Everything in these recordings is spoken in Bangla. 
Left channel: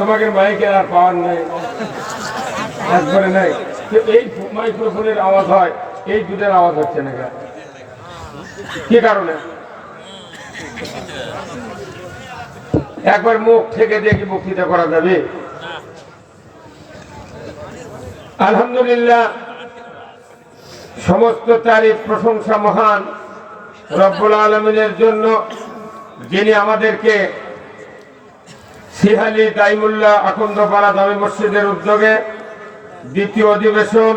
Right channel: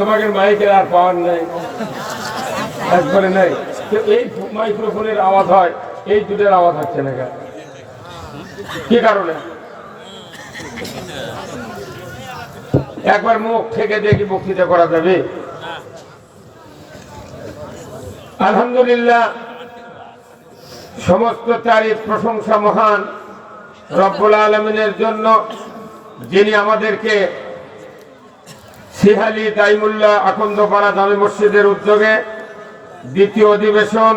তোমাকে মাইকের আর পাওয়ার নেই, একবারে নেই। তো এই মাইক্রোফোনের আওয়াজ হয়, এই দুটোর আওয়াজ হচ্ছে না কি কারণে? একবার মুখ থেকে দেখি বক্তৃতা করা যাবে? আলহামদুলিল্লাহ, সমস্ত তারিফ প্রশংসা মহান রব্বুল আলামিনের জন্য, যিনি আমাদেরকে সিহালি দাইমুল্লাহ আখন্দপাড়া জামে মসজিদের উদ্যোগে দ্বিতীয় অধিবেশন,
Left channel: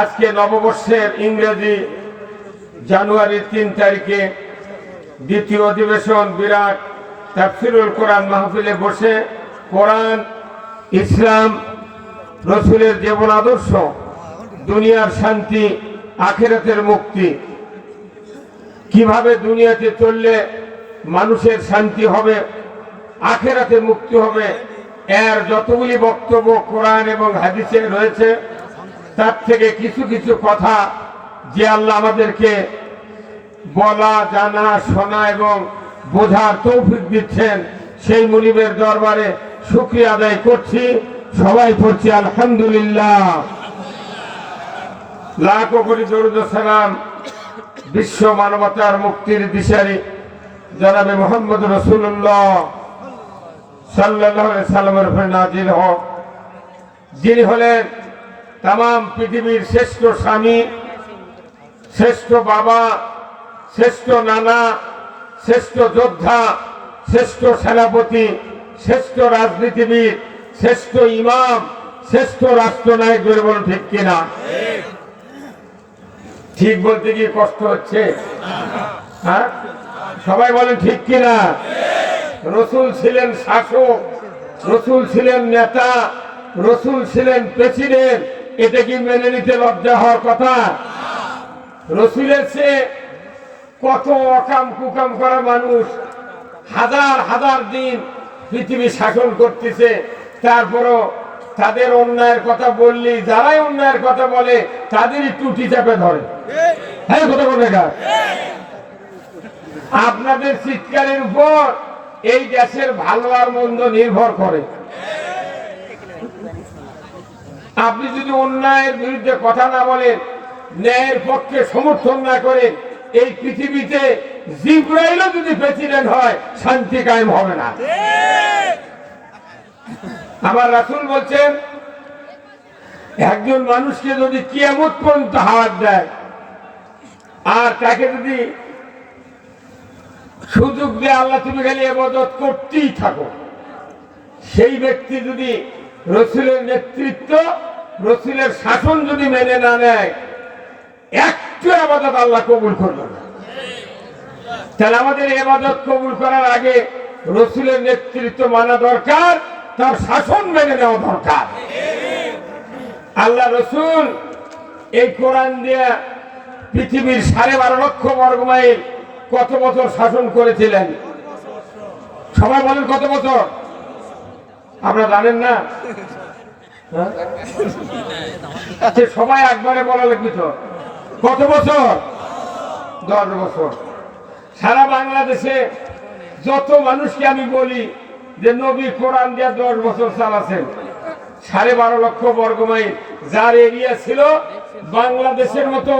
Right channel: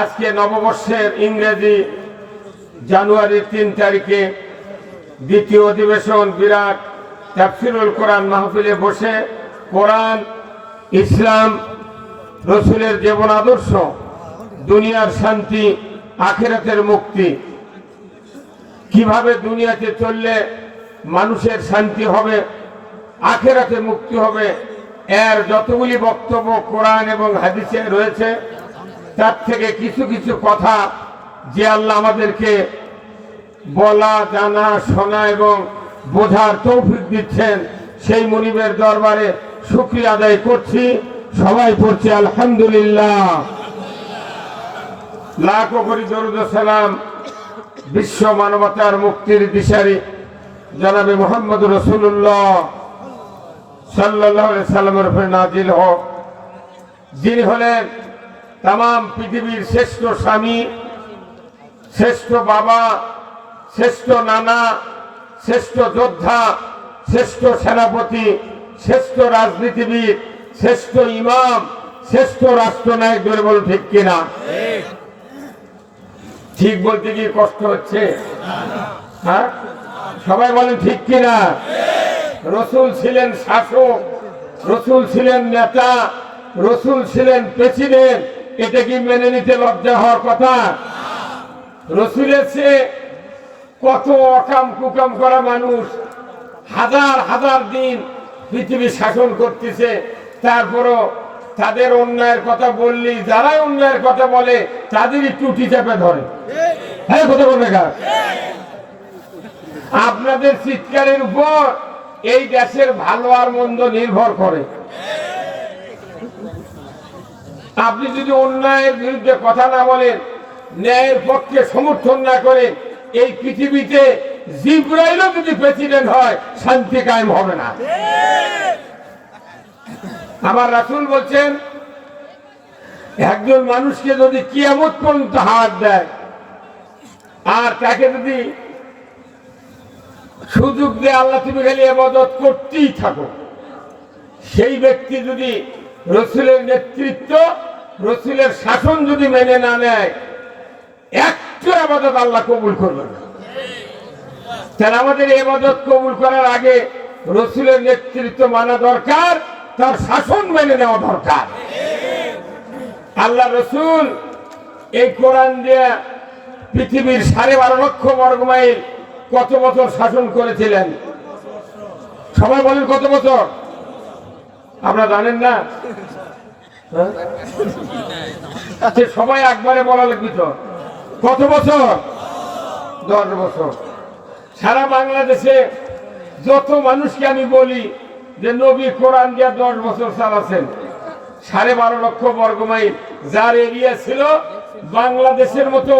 আজকে নববর্ষের ইংরেজি জানুয়ারি 3 তারিখে দ্বিতীয় অধিবেশন বিরাট তাফসীরুল কোরআন মাহফিলে বসে কোরআন, ইসলাম, রসুলের জীবন আদর্শ, দুনিয়ার শান্তি, আখিরাতের মুক্তি, কিভাবে দুনিয়াতে চললে মানুষের শান্তি হবে, আখিরাতে মুক্তি হবে, এর যতগুলি বক্তব্য কোরআন এবং হাদিসে রয়েছে, তার থেকে কিছু কিছু কথা যে আল্লাহ আমাদেরকে বলা, জানা, শোনা এবং বোঝার তৌফিক দিচ্ছেন, সেই মুনিবের দরবারে শুকরিয়া আদায় করছি। সবাই পড়ছি আলহামদুলিল্লাহ। লাখো কোটি দরুদ ও সালাম বিশ্ব মানবতার মুক্তির দিশারি জনাবে মুহাম্মদ রাসূলুল্লাহ সাল্লাল্লাহু আলাইহি সাল্লামের উপরে নাজিল হোক, যিনি হলেন তামাম পৃথিবীর শ্রেষ্ঠ স্বামী, শ্রেষ্ঠ বাবা, শ্রেষ্ঠ নানা, শ্রেষ্ঠ যোদ্ধা, শ্রেষ্ঠ সেনাপতি, শ্রেষ্ঠ রাজনীতিবিদ, শ্রেষ্ঠ ইমাম, শ্রেষ্ঠ রাষ্ট্রনায়ক। বলে বলো ঠিক কিনা? ঠিক বলতে কি কষ্ট হচ্ছে? হ্যাঁ, সবাই বলেন ঠিক কিনা? রসুল ছিলেন শাসক, রসুল ছিলেন নেতা, রসুল ছিলেন প্রেসিডেন্ট। এটা কি মেনে নিতে লজ্জা হওয়ার কথা? রসুলের চেয়ে কত অকাম কুকাম করা মানুষ হাজার হাজার দিন পৃথিবী শাসন করতেছে, তারপরও তাদের অন্যায়ের কথা বললি, যারাই অন্যায়ের কথা বলে তাদেরই টুটি চাপে ধরে। হ্যাঁ, কথা বলবে না? আপনাদের চিৎকারের উপর এই দেশের ভালো আর মন্দ নির্ভর করে। আপনি যদি অন্যায়ের বিরুদ্ধে কথা না বলেন, ন্যায়ের পক্ষে সমর্থন না করেন, এই পৃথিবীতে জিবরাইলও যদি প্রেসিডেন্ট হয় শান্তি কায়েম হবে না। আমার রাসূল বলছেন, একজন মানুষকে যদি কিয়ামত পর্যন্ত হাত দেয় আর তাকে যদি সুযোগ দেয় আল্লাহ তুমি খালি ইবাদত করতেই থাকো, সেই ব্যক্তি যদি রসুলের নেতৃত্ব, রসুলের শাসন যদি মেনে না নেয়, একটু ইবাদত আল্লাহ কবুল করবে না। তাহলে আমাদের ইবাদত কবুল করার আগে রসুলের নেতৃত্ব মানা দরকার, তার শাসন মেনে নেওয়া দরকার। আল্লাহ রসুল এই কোরআন দিয়ে পৃথিবীর 12.5 লক্ষ বর্গমাইল কত বছর শাসন করেছিলেন? সবাই বলেন কত বছর? আপনারা জানেন না? সবাই একবারে বলা লাগবে তো। কত বছর? 10 বছর। সারা বাংলাদেশে যত মানুষকে আমি বলি যে নবী কোরআন দিয়ে 10 বছর চালাছেন, 12.5 লক্ষ বর্গমাইল যার এরিয়া ছিল, বাংলাদেশের মতো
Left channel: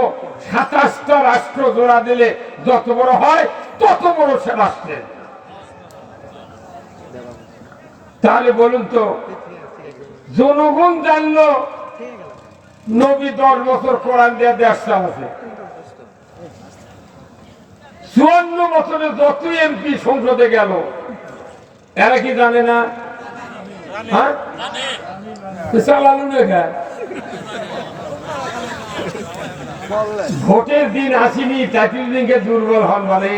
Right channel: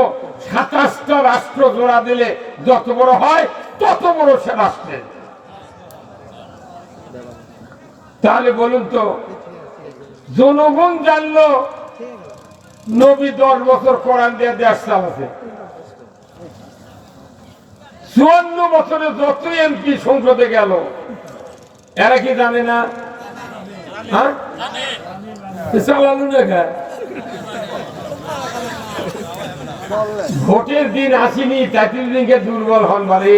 27টা রাষ্ট্র জোড়া দিলে যত বড় হয় তত বড় সে রাষ্ট্রের। তাহলে বলুন তো, জনগণ জানলো নবী 10 বছর কোরআন দিয়ে দেশ চালাছে। 54 বছরে যত এমপি সংসদে গেল, এরা কি জানে না? হ্যাঁ, চালানো না। ভোটের দিন আসেনি, 33 দিনকে দুর্বল হন বলে।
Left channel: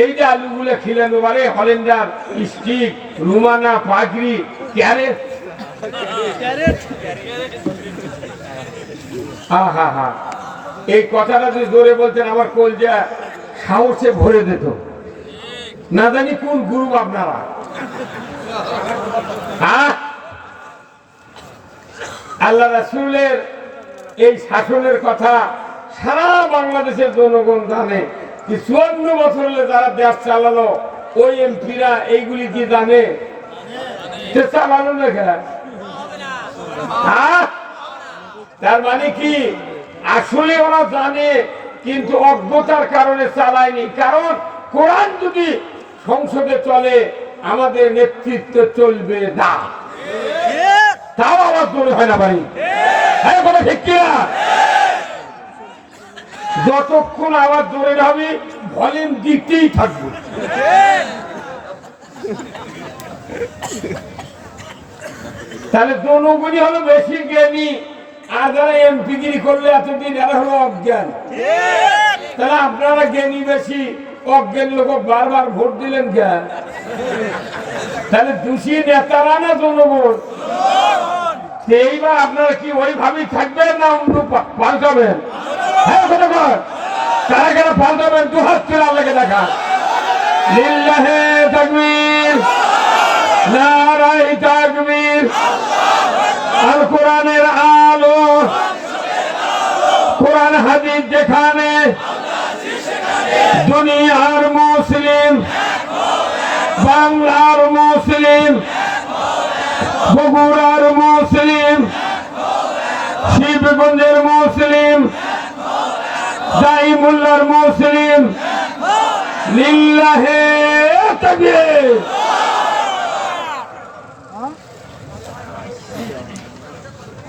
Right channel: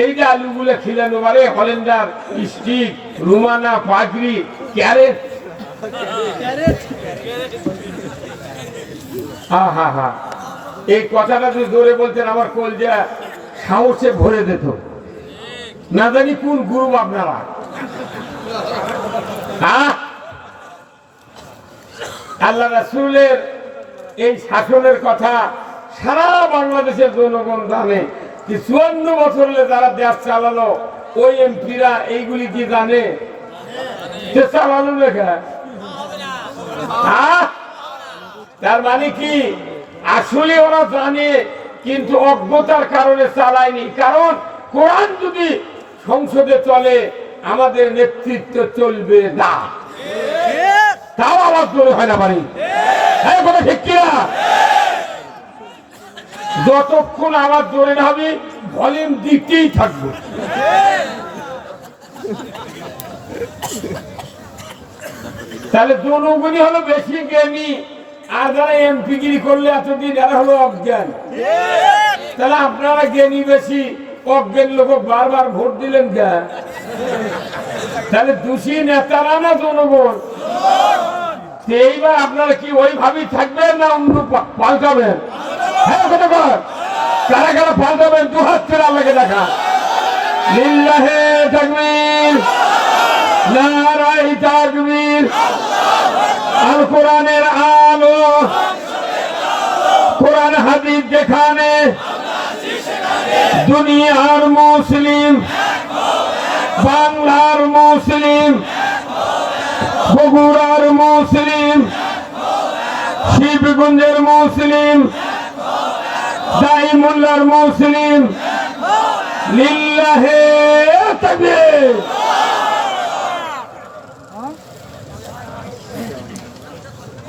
এই যে আলুগুলো খিলানো পারে, হলেন্ডার, স্টিক, রুমানা, পাগড়ি, ক্যারেট, এই কথাটা যদি জোরে বলতেন আমার কলজা সাহসে ভরে দিত। না জানি কোন গ্রুপ আপনারা। আল্লাহ রাসূলের এই শাসনের কথা সারা বাংলাদেশের জনগণ জানে। 54 বছর যারা দেশ চালালো, ওই এমপিরা এইগুলি কি জানে? চালানো লেখা। তার মানে কি আসলে ওরা জানে, কিন্তু অজ্ঞতার কারণে চালায়নি। কারণ কোরআন যদি সংসদে চলে, আমাদের নেতৃত্ব চলবে না। তাও আওয়াজ ধরে হয় না বাড়ি, হ্যাঁ কথা ঠিক কিনা? যতক্ষণ আওয়াজ ধরে না হবে ভলিউম দিতেই থাকবে। তাহলে জনগণই হলো বেশি জ্ঞানী, আর যারা এমপিগিরি করলে এতদিন এরা হলো অজ্ঞান। তাহলে আপনারা জ্ঞানী বেশি, অজ্ঞান লোক বারবার ভোট দিলেন কেন? তাহলে দোষী নেতারা না জনগণ? এইবার আপনারা কি ওইভাবেই থাকবেন না অন্য পাল্টাবেন? হ্যাঁ কথা কর, কারা কারা পাল্টাবেন? দু হাত করে আল্লাহকে দেখা। লিল্লাহে তাকবীর, নারায়ে তাকবীর। আর কোরআনের আলো, কোরআন হাদিস যেখানে, দুনিয়ার মুসলিম, বাংলার মুসলিম, বগুড়ার মুসলিম, শিবগঞ্জের মুসলিম, দাইমুল্লার মুসলিম, লিল্লাহে তাকবীর।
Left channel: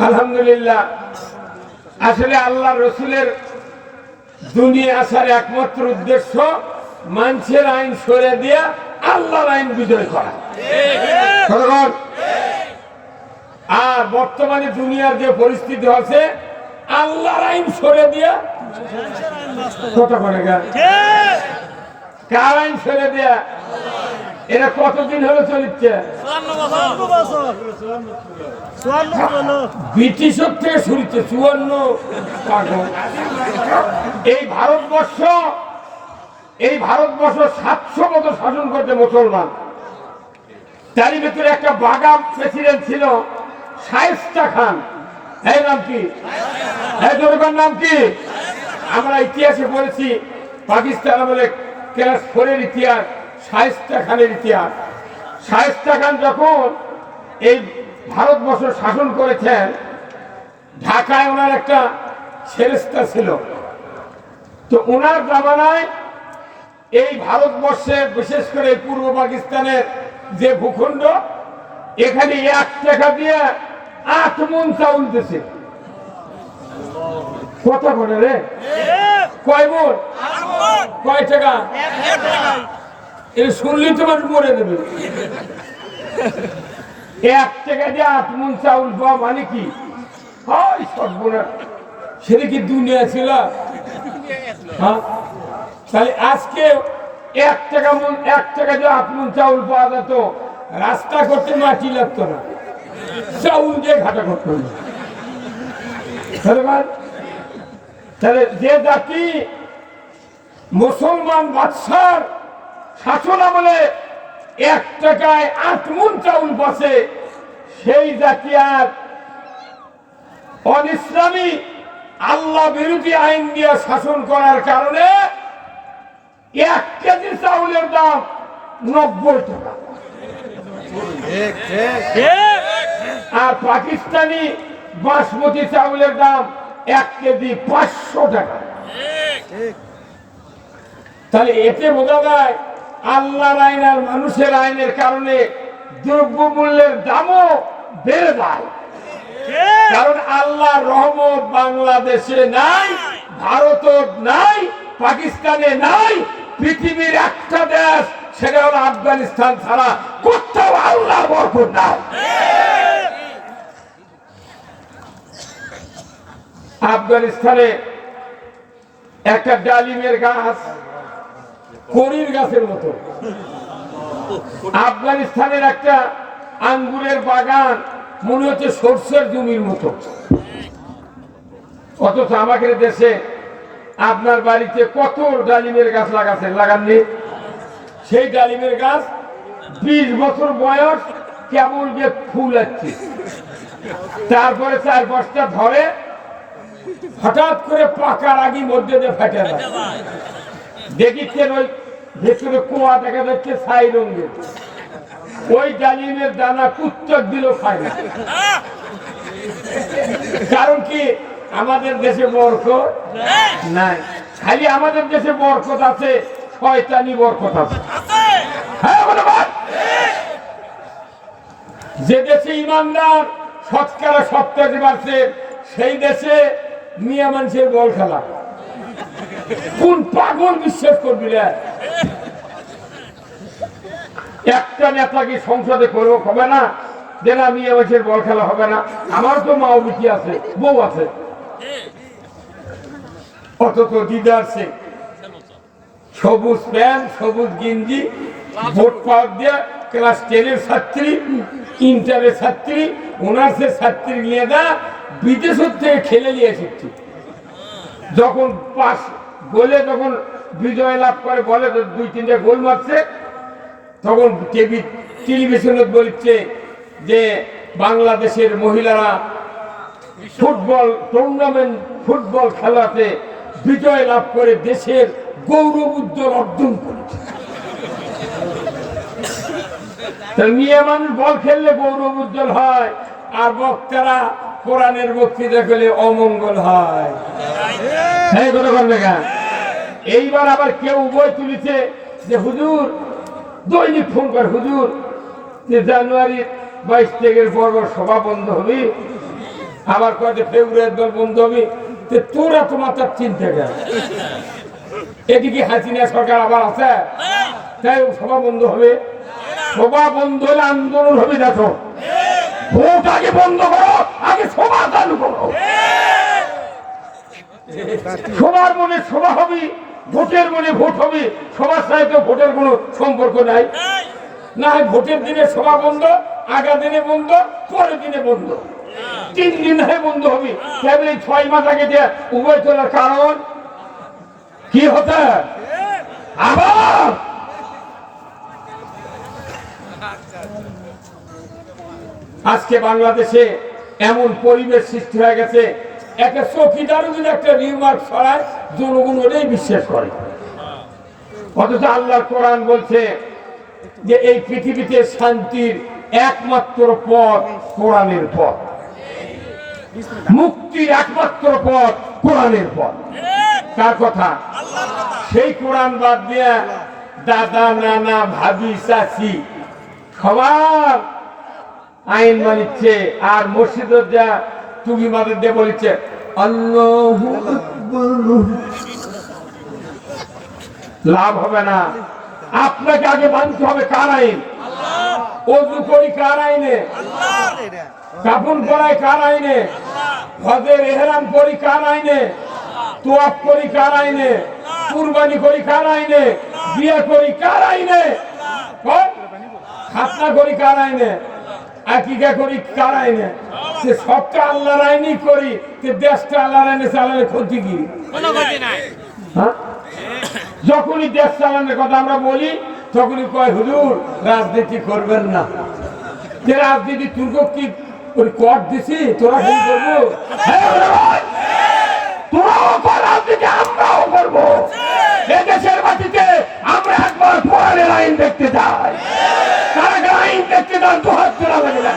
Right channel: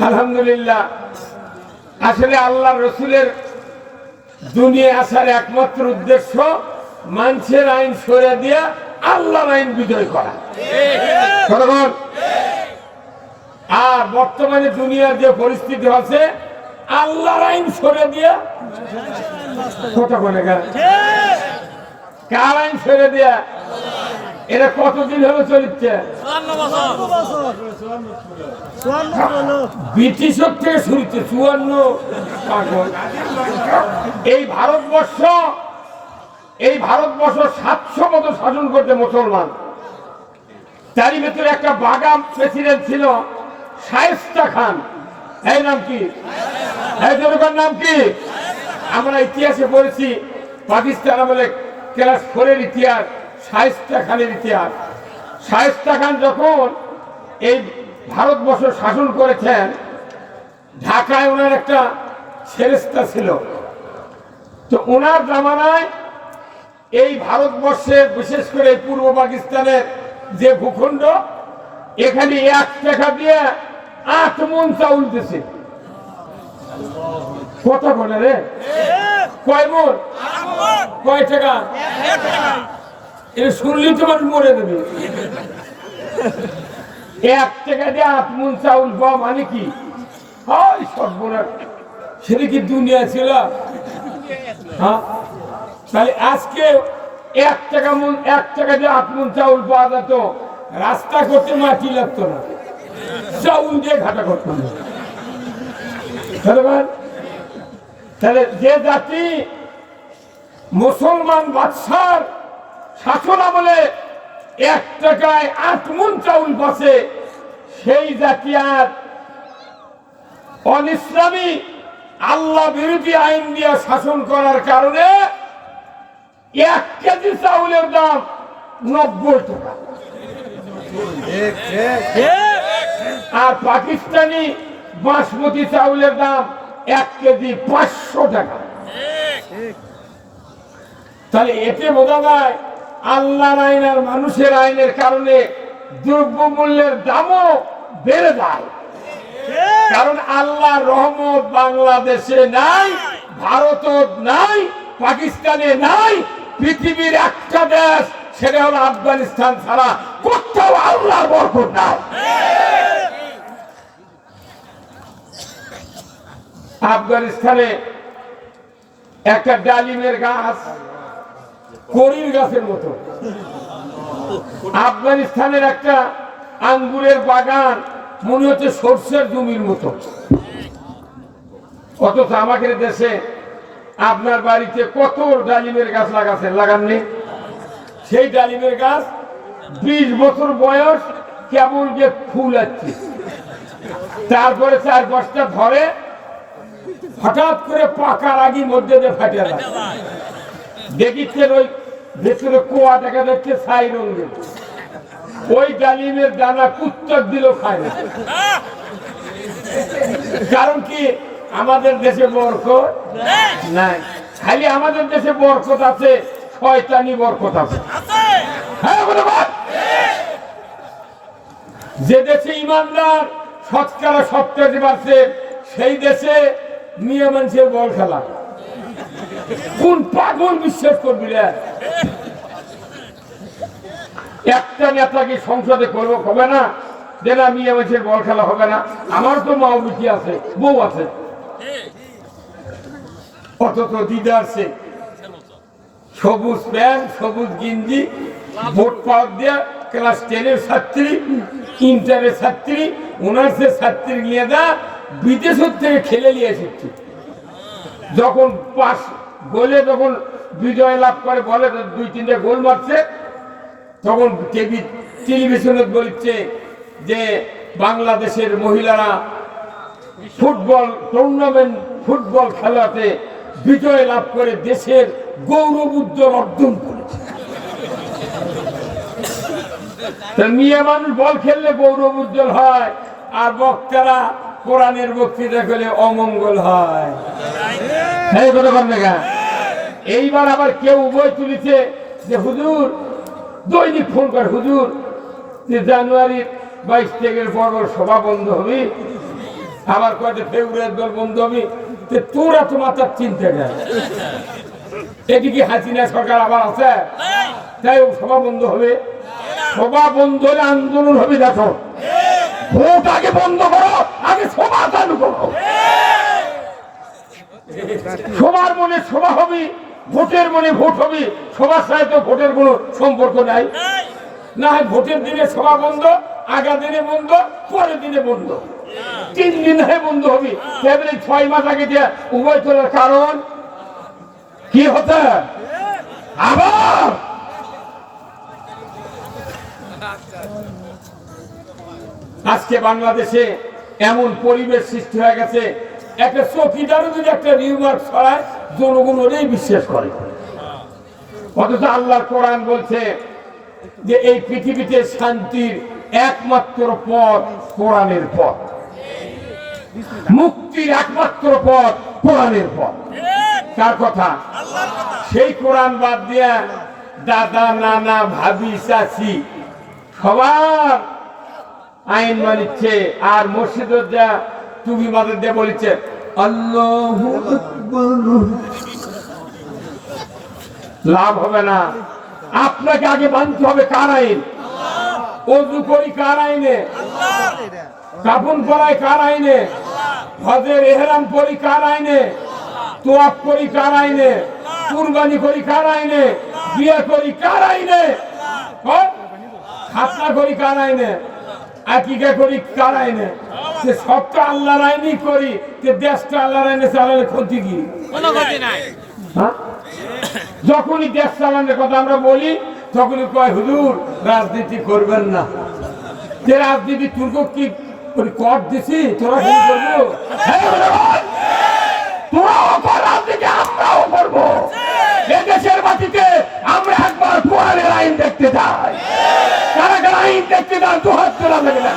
আলহামদুলিল্লাহ। আসলে আল্লাহ রসুলের দুনিয়া আসার একমাত্র উদ্দেশ্য মানুষের আইন সরে দিয়া আল্লাহর আইন বিজয় করা। আর বর্তমানে দুনিয়ার যে পরিস্থিতি আছে, আল্লাহর আইন সরে দিয়া কথা বলে কার আইন সরে দিয়া? এরা কতদিন হলো চলিচ্ছে? ব্রিটিশের থেকে শুরুতে 54। এই ভারতবর্ষ 700 বছর শাসন করতে মুসলমান। তারই ভেতরে একটা বাগাম প্রেসিডেন্ট ছিল, শায়েস্তা খান। এর নাম কি? নাম কি? আমরা ইতিহাসে পড়েছি, পাকিস্তান আমলে ক্লাস 4-এর ইতিহাস, শায়েস্তা খানের ইতিহাস। শায়েস্তা খান যখন এই ভারতবর্ষ শাসন করেছেন, ঢাকায় ওনার একটা ফেরেশতা ছিল। তো ওনার জামানায় এই ভারতবর্ষে, বিশেষ করে পূর্ব পাকিস্তানের যে ভূখণ্ড, এখানে 1 টাকা দিয়ে 8 মণ চাউল দিয়েছে। কত করে রে? কয় মণ? কয় টাকা? এটা শুনলেই তো মানুষ মরে দেবে। 1 টাকা দিয়ে 8 মণ চাউল পাওয়া মানে কি? সেটা কি দুনিয়া ছিল? হ্যাঁ, তাহলে আজকে 1 টাকা দিয়ে 8 মণ চাউল পাওয়া যেত, রাস্তা করতে মাটি লাগতো না, চাউল দিয়ে ঘাটা করতো না। তাহলে যে জাতি মুসলমান বাদশার শাসন আমলে 1 টাকায় 8 মণ চাউল পাচ্ছে, সেই জাতি আর অনিসলামী আল্লাহ বিরোধী আইন দিয়ে শাসন করার কারণে 1 কেজি চাউলের দাম 90 টাকা। আর পাকিস্তানি বাসমতি চাউলের দাম 1 কেজি 500 টাকা। তাহলে এতে বোঝা যায় আল্লাহর আইন আর মানুষের আইনের কারণে দ্রব্যমূল্যের দামও বেড়ে যায়। কারণ আল্লাহর রহমত বাংলাদেশে নাই, ভারত নাই, পাকিস্তানে নাই, পৃথিবীর একটা দেশ, সেটা হলো আফগানিস্তান ছাড়া কোথাও আল্লাহর বরকত নাই। আফগানিস্তানে একটা ডালিমের গাছ করির গাছের মতো, আফগানিস্তানের একটা আঙ্গুরের বাগান মনে হচ্ছে সরষের জমির মতো। অথচ আমাদের দেশে আপনার বাড়িতে কত ডালিমের গাছ লাগাননি? সেই ডালিমের গাছ 20 বছর বয়স, কেবল যে ফুল আসছে, তারপরে 4-5টা ধরে হঠাৎ করে পাকার আগে মধ্যে দিয়ে ফাটে যায়। দেখিচ্ছেন ওই ভেতরে কোয়া দেখা যাচ্ছে ছাই রঙের। ওই ডালিমের দানা কুত্তর দিল খায় না। কারণ কি আমাদের দেশে বরকত নাই, খালি আমাদের দেশে বরকত আছে, শয়তানি বরকত আছে। হ্যাঁ বলবান, যে দেশে ইমানদার শতকরা 70 বাড়ছে সেই দেশে মিয়া মানুষের বল খেলা। কোন পাগল বিশ্বাস করবি রে? একটা নেতা কি সংসদে করবো হবে না? দেনা মিয়া মানুষের বল খেলা হবে না? আমার তো মাও বিটি আছে, বউ আছে, অথচ দিদার সে সবুজ প্যান্ট সবুজ গেঞ্জি ভোট পাওয়ার দেয়া ক্লাস 10-এর ছাত্রী, ইন্টারের ছাত্রী, অনার্সের ছাত্রী নিয়ে দা বিদেশ থেকে খেলে নিয়ে এসেছে। যখন পাস গোলে যখন বিজয় লাভ করে বলে 2-3টে গোল মারছে, তখন টেলিভিশনে বলছে যে বাংলাদেশের মহিলারা ফুটবল টুর্নামেন্ট ফুটবল খেলাতে বিজয় লাভ করে দেশের গৌরব উজ্জ্বল অর্জন করেছে। মিয়া মানুষ বল খেললে গৌরব উজ্জ্বল হয়, আর বক্তারা কোরআনের বক্তৃতা করলে অমঙ্গল হয়। এইবার আবার কেউ উভয় তুলিছে যে হুজুর দৈনিক ফোন কর, হুজুর যে জানুয়ারি 22 তারিখের পর সভা বন্ধ হবে, আবার কয়েক ফেব্রুয়ারি বন্ধ হবে। তোরা তো মাথার চিন্তা নেই, এদিকে হাসিনা সরকার আবার আছে, তাই সভা বন্ধ হবে। সভা বন্ধ হলে আন্দোলন হবে। দেখো, ভোট আগে বন্ধ করো, আগে সভা চালু করো। সবার মনে সভা হবে, ভোটের মনে ভোট হবে। সবার সাথে তো ভোটের কোনো সম্পর্ক নাই। না হয় ভোটের দিনে সভা বন্ধ, আগা দিনে বন্ধ, পরের দিনে বন্ধ, 3 দিন বন্ধ হবে। 6 মাস আগে দিয়ে উভয় তোলার কারণ কি হতে? আবার আজকে বাংলাদেশে এমন পরিবেশ সৃষ্টি হয়ে গেছে, একটা চৌকিদারও যদি একটা রিমার্ক ছড়ায় জনগণ ওটাই বিশ্বাস করে। অথচ আল্লাহ কোরআন বলছে যে এই পৃথিবীতে শান্তির একমাত্র পথ কোরআনের পথ, মুক্তির একমাত্র পথ কোরআনের পথ। কার কথা? সেই কোরআন বাদ দিয়া দাদা নানা ভাবি চাচি সবার আইন মানিচ্ছে, আর মসজিদের যা টুপি মাদের দিয়ে বলেছে আল্লাহু আকবার। লাভ হবে না, আপনাকে আগে মানতে হবে কার আইন। ওযু করি কার আইনে, কাফন পরাই কার আইনে, হজের ইহরাম করি কার আইনে, তোয়াফ করি কার আইনে, কুরবানি করি কার আইনে, বিয়ে করি কার আইনে, খাতনা করি কার আইনে, আকিকা করি কার আইনে। সে সবটা আল্লাহর আইনই করি, দেশটা আল্লাহর আইনে চালালে ক্ষতি কি? যখনই দেশ চালানোর কথা আমরা বলি তখনই কয় হুজুর রাজনীতি করবেন না। যে রাজনীতি তুর্ক কি কর দিছি, তোরা কি করবো? তোরাও কর রাজনীতি, আমরাও করবো। দেশের মাটিতে আমরা একবার কোরআনের আইন দেখতে চাই। কারা কারা আইন দেখতে চান তো হাত তোলা যাবে না।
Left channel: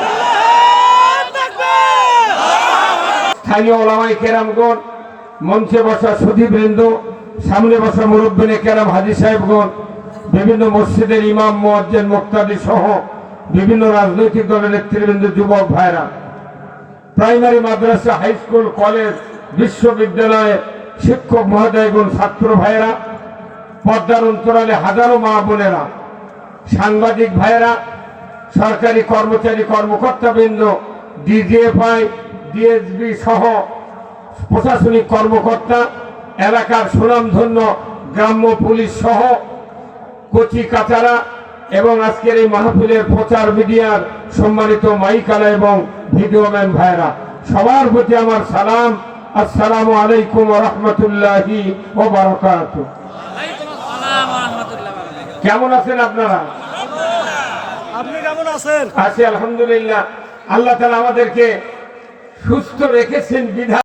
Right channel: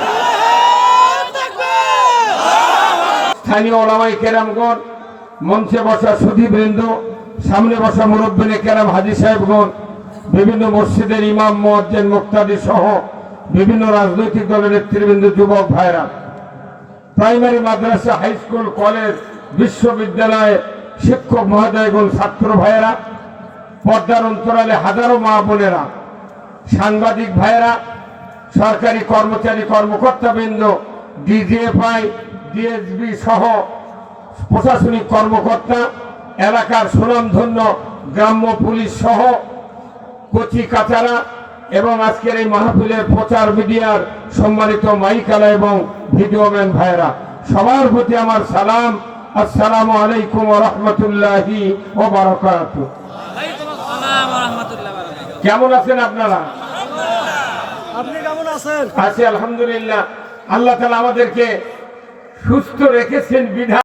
স্থানীয় ওলামায়ে কেরামগণ, মঞ্চে বসা সুধীবৃন্দ, সামনে বসা মুরব্বিনে কেরাম, হাজী সাহেবগণ, বিভিন্ন মসজিদের ইমাম মুয়াজ্জিন মুক্তাদি সহ বিভিন্ন রাজনৈতিক দলের নেতৃবৃন্দ, যুবক ভাইরা, প্রাইমারি মাদ্রাসা, হাই স্কুল, কলেজ, বিশ্ববিদ্যালয়ে শিক্ষক মহোদয়গণ, ছাত্র ভাইয়েরা, পর্দার অন্তরালে হাজারো মা বোনেরা, সাংবাদিক ভাইয়েরা, সরকারি কর্মচারী কর্মকর্তাবৃন্দ, ডিজিএফআই, ডিএসবি সহ প্রশাসনিক কর্মকর্তা, এলাকার সুনামধন্য গ্রাম্য পুলিশ সহ কচি কাচারা এবং আজকের এই মাহফিলের প্রচার মিডিয়ার সম্মানিত মাইকালা এবং ভিডিওম্যান ভাইরা, সবার প্রতি আমার সালাম। আসসালামু আলাইকুম ওয়া রাহমাতুল্লাহি ওয়া বারাকাতুহু। কেমন আছেন আপনারা? আপনি কেমন আছেন? আছি আলহামদুলিল্লাহ। আল্লাহ তাআলা আমাদেরকে সুস্থ রেখেছেন বিধায়